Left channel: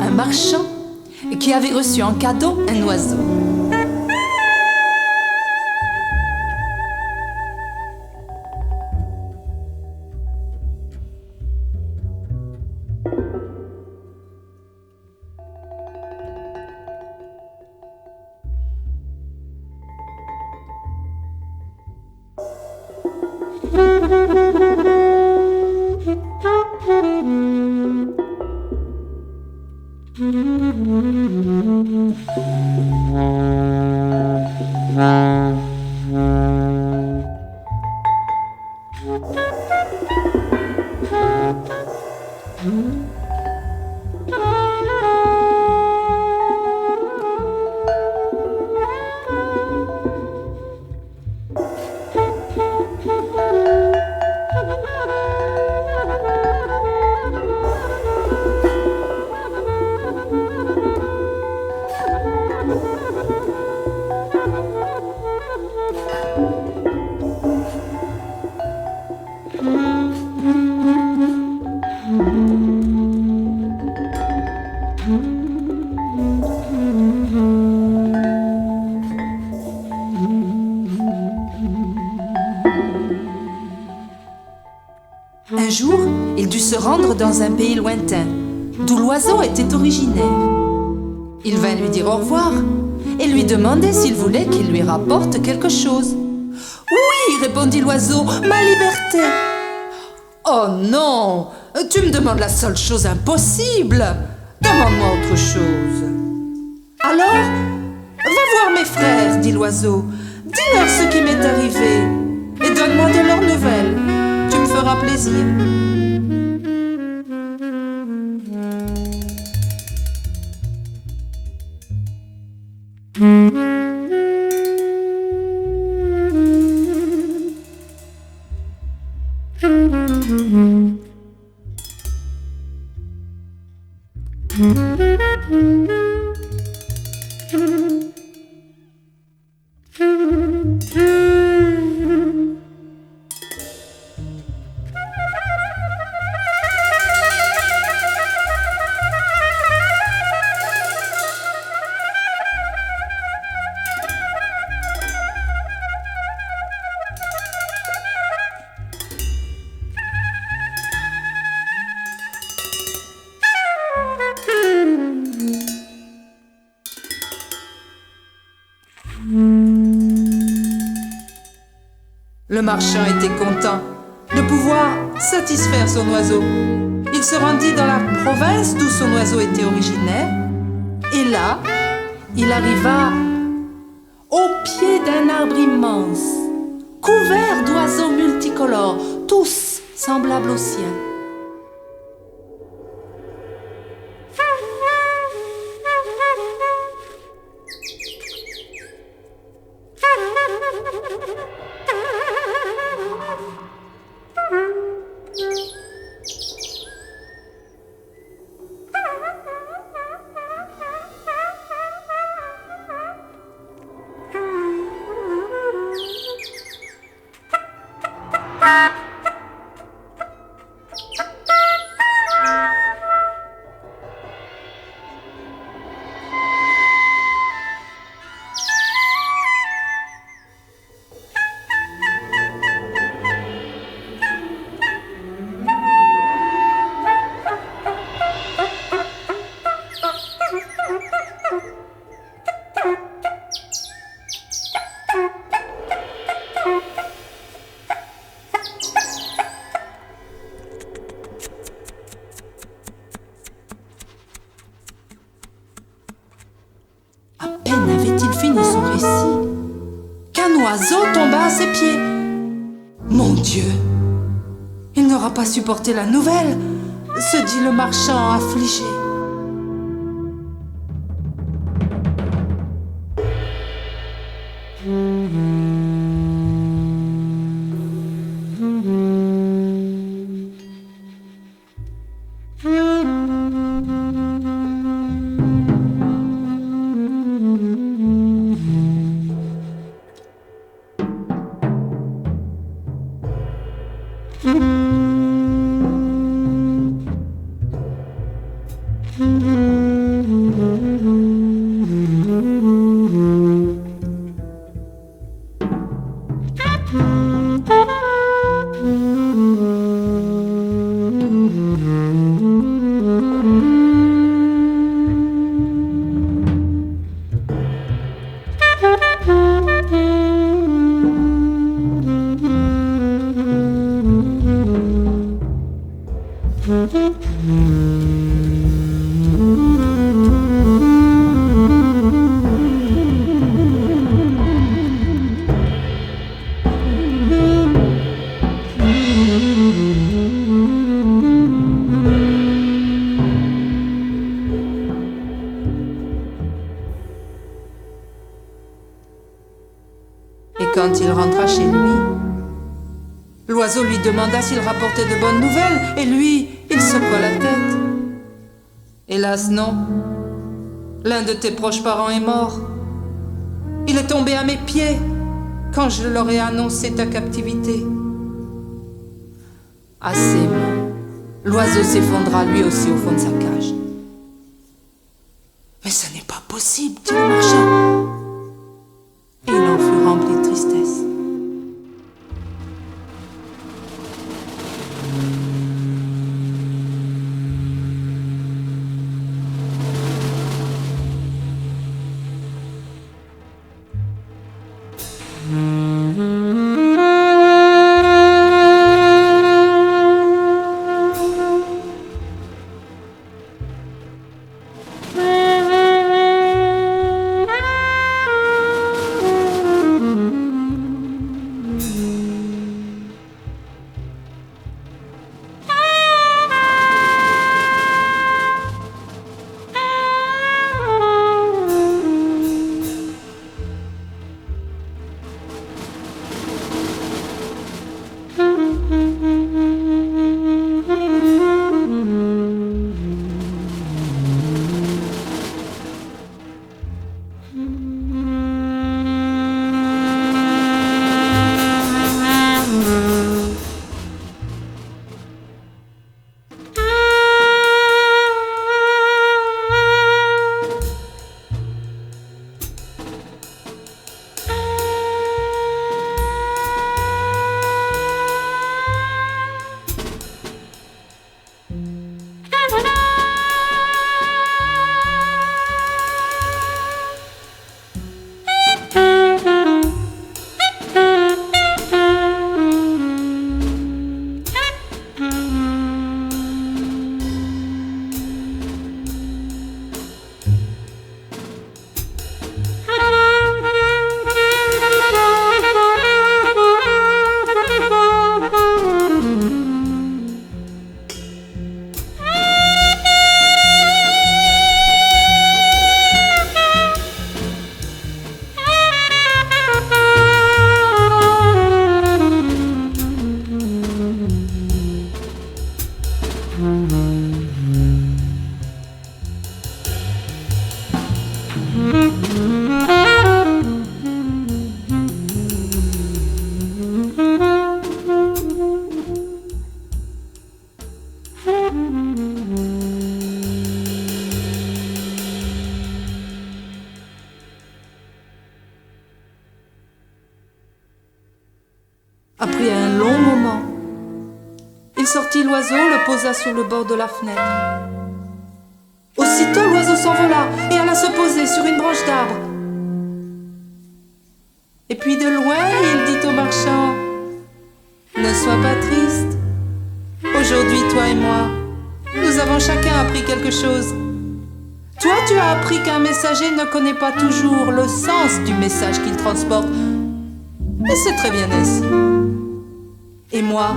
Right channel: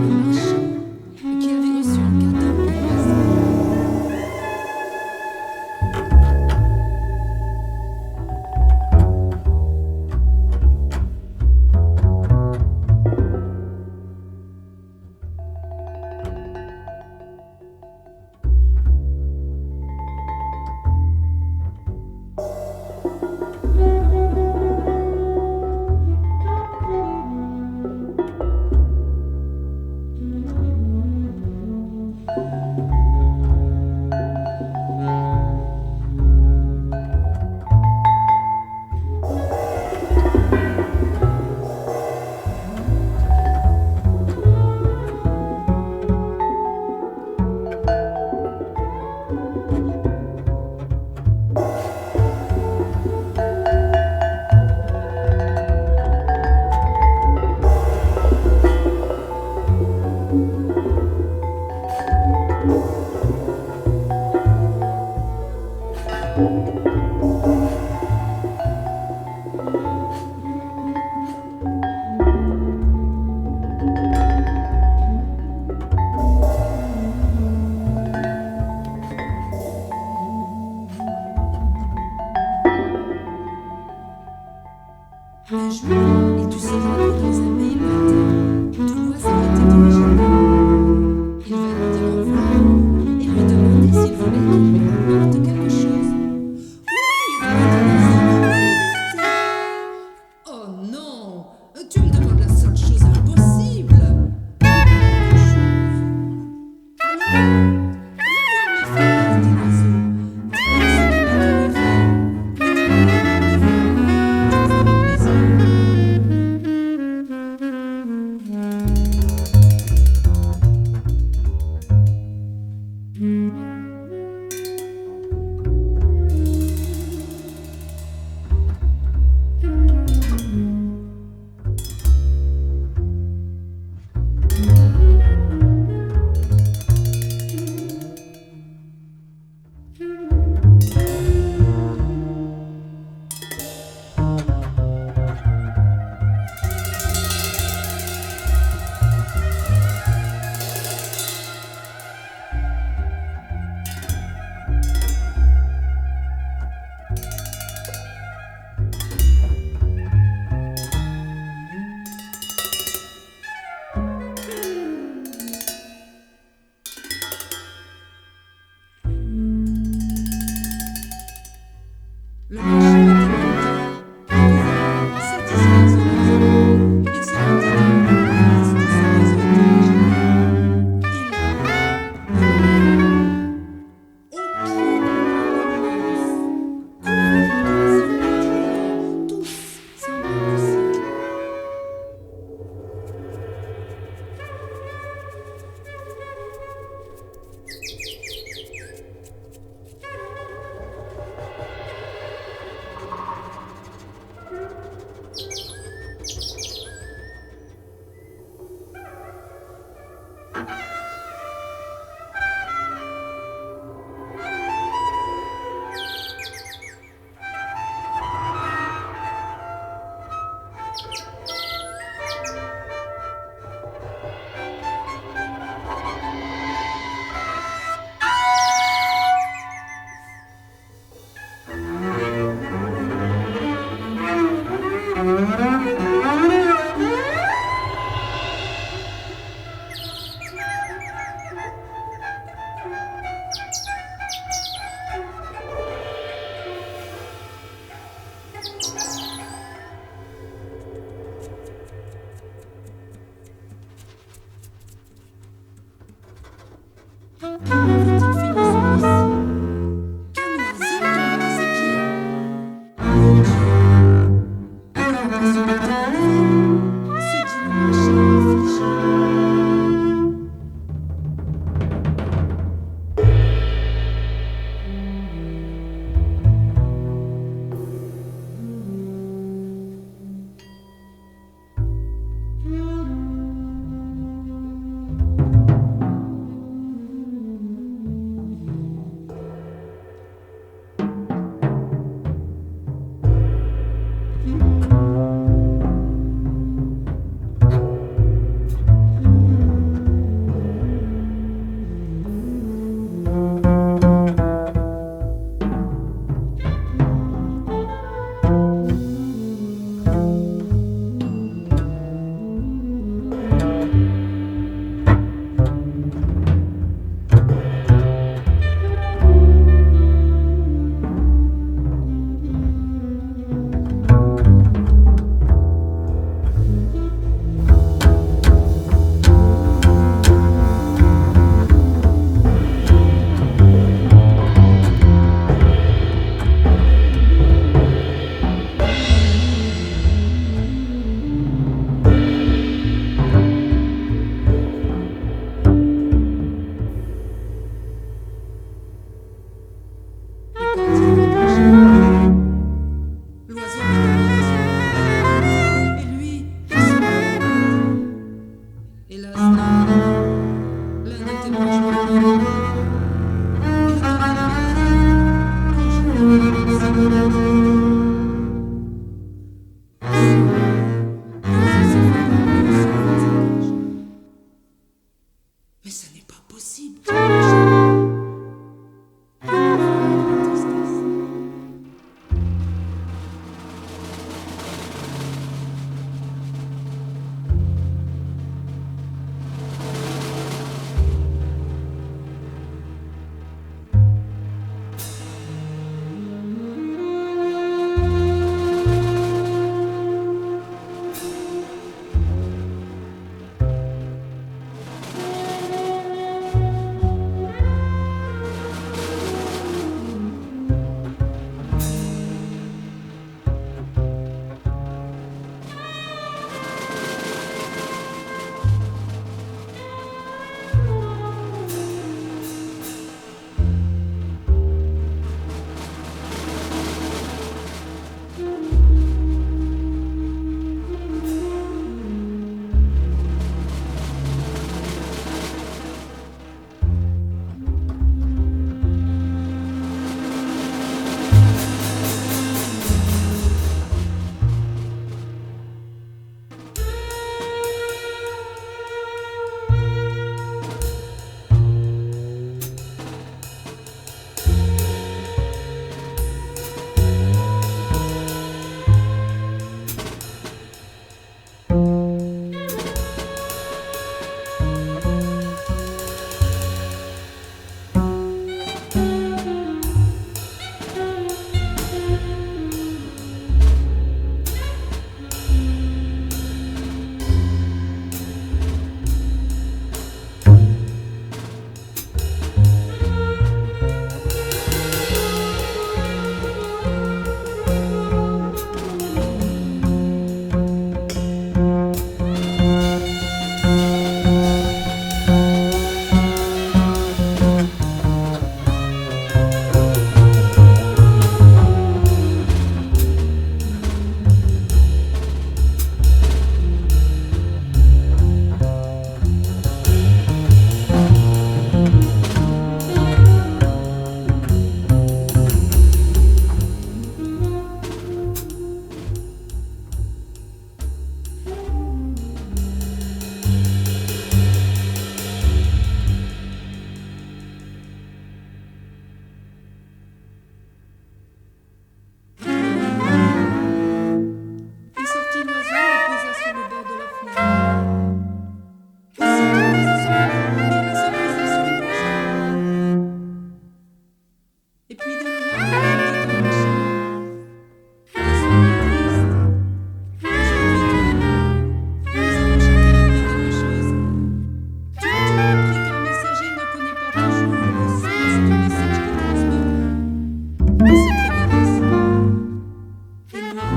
un marchand qui avait reçu en cadeau un oiseau. Un jour, il dut se rendre dans un pays lointain, d'où l'oiseau était originaire. Il vint lui dire au revoir et lui demander s'il voulait qu'il lui rapporte quelque chose. « Oui, répondit l'oiseau, ma liberté. »« Oh non, tu me demandes la seule chose impossible. Demande-moi autre chose. »« Alors, va voir mes frères, dit l'oiseau. Dis-leur ce qui m'est arrivé et donne-moi de leurs nouvelles. Tu me feras plaisir. » Le marchand était content de pouvoir satisfaire son oiseau. Il se rendit dans la province d'où son oiseau était originaire. Et là, il arriva au pied d'un arbre immense, couvert d'oiseaux multicolores, tous semblables au ciel. À peine avait-il fini son récit qu'un oiseau tomba à ses pieds. Mon Dieu, il n'aura pas supporté la nouvelle, se dit le marchand affligé. Hélas, non. L'un de tes proches parents est mort. Il est tombé à mes pieds quand je leur ai annoncé ta captivité. Assez. L'oiseau s'effondra lui aussi au fond de sa cage. Mais ce n'est pas possible, dit le marchand. Et il en fut rempli de tristesse. Après un long moment, il sortit l'oiseau, le posa sur le bord de la fenêtre. Aussitôt, l'oiseau s'envola et alla se poser sur une branche d'arbre. Et puis de loin, il dit au marchand: ne sois pas triste. Aujourd'hui, toi et moi, nous avons chacun appris quelque chose. Toi, tu as appris qu'un messager ne connaît pas toujours le sens du message qu'il transporte. Et c'est très bien ainsi. Et moi,